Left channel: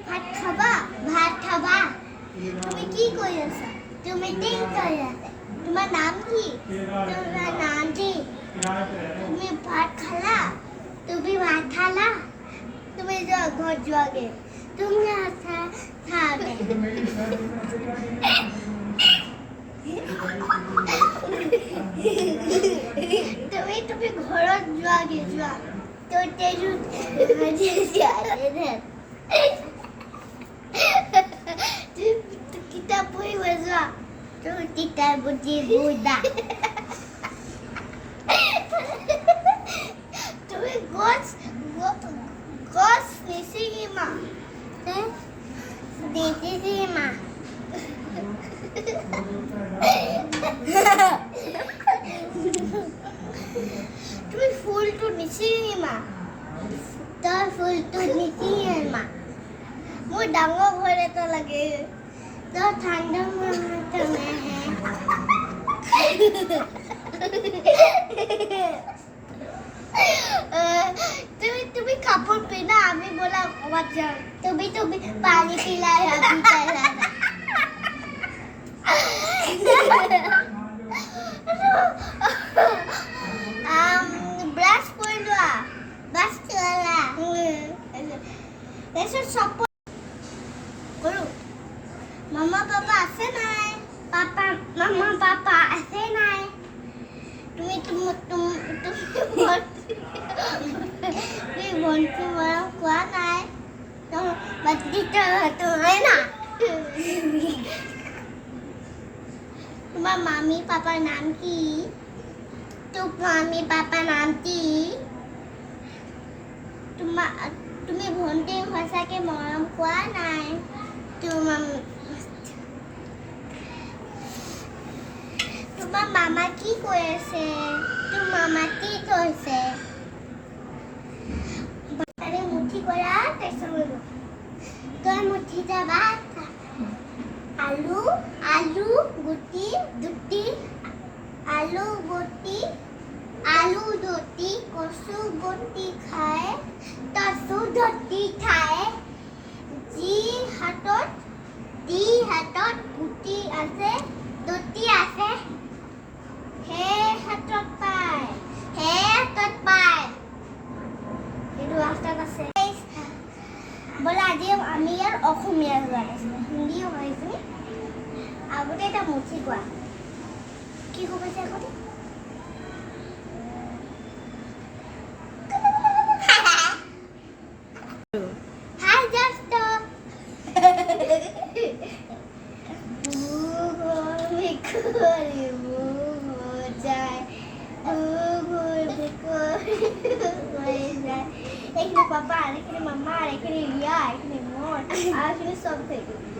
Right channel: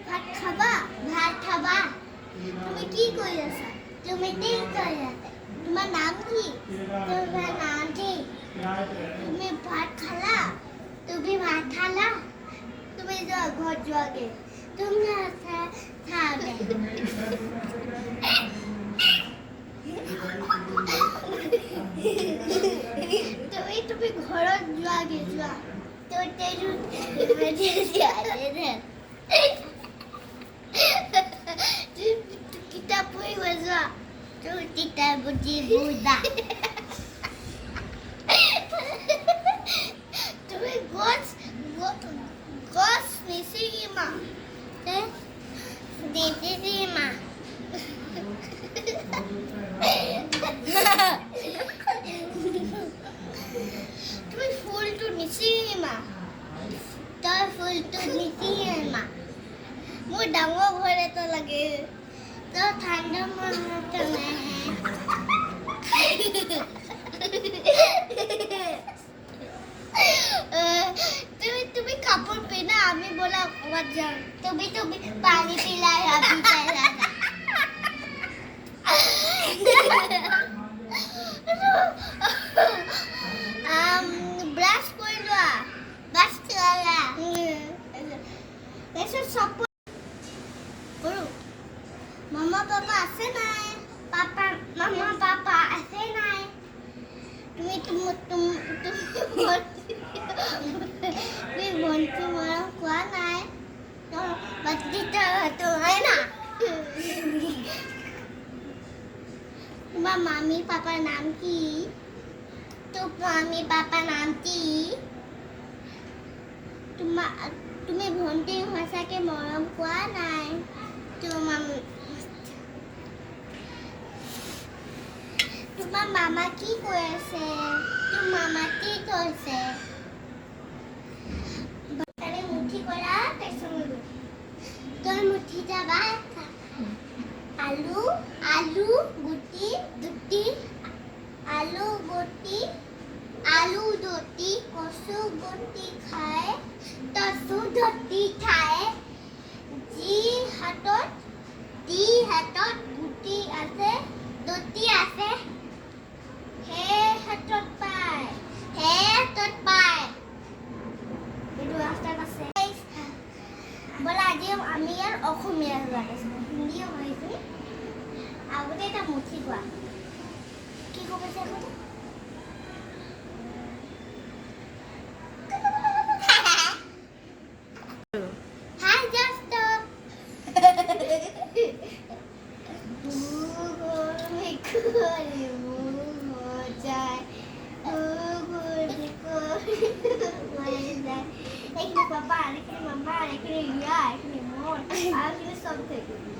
ভাত খাবা ভাত খাবা তুমি কি কৰি আছা তুমি কি কৰি আছা তোমাৰ নাম কি তোমাৰ নাম কি তুমি ভাত খালা তুমি ভাত খালা তুমি যোৱা ঘৰত যোৱাগে তুমি আছা খাবে তুমি ঘৰত যোৱাগে যোৱা তোৰ তেজু কিতাপ পঢ়িব যোৱা তোৰ কিতাপ বুজি বুজা তুমি গছ গছ নিচিঙিমা নিচিঙিমা তুমি ফুলটো নিচিঙিমা তই ফুলটো নিচিঙিমা মোৰ ডাঙৰ ঘৰ এটা লাগে তই ঠাণ্ডা মাহত নাহে তুমি কাপোৰ পিন্ধা আমি বলা ক'ৰবাত যাওঁ তুমি পানী পিলাই ব্ৰাছ কৰি লোৱা ব্ৰাছ কৰা তাৰপিছত চব কৰোঁ মামা পাপা আছে নাই মামা পাপা আছে নাই তুমি ভণ্টি মৰম কোৱা নাই হয় না তোমাৰ মামী পাপাৰ নাম কি তোৰ মামী পাপাৰ নাম কি তুমি ভণ্টি সঁচাকে মৰম কোৱা নাই তোমাৰ মামা কি কৈ আছে তোৰ মামা কি কৈছে মুঠি কৰা তই মুঠি যাবা আলু গুটি আলু গুটি কচু গুটি খায় কচু গুটি খায় যি হাতত গুটি আছে দুটি আছে সেই হাতত পায় এইটো ৰাস্তাত আছে ব'লা আজি আমি ইয়াৰ অসমীয়া গাইছিলোঁ হিন্দীও গাইছোঁ আগতে এটা মুঠি কোৱা কি ক'ব আছে আগতে Ini papa, ini mama, ini Lia, ini Mon, ini something.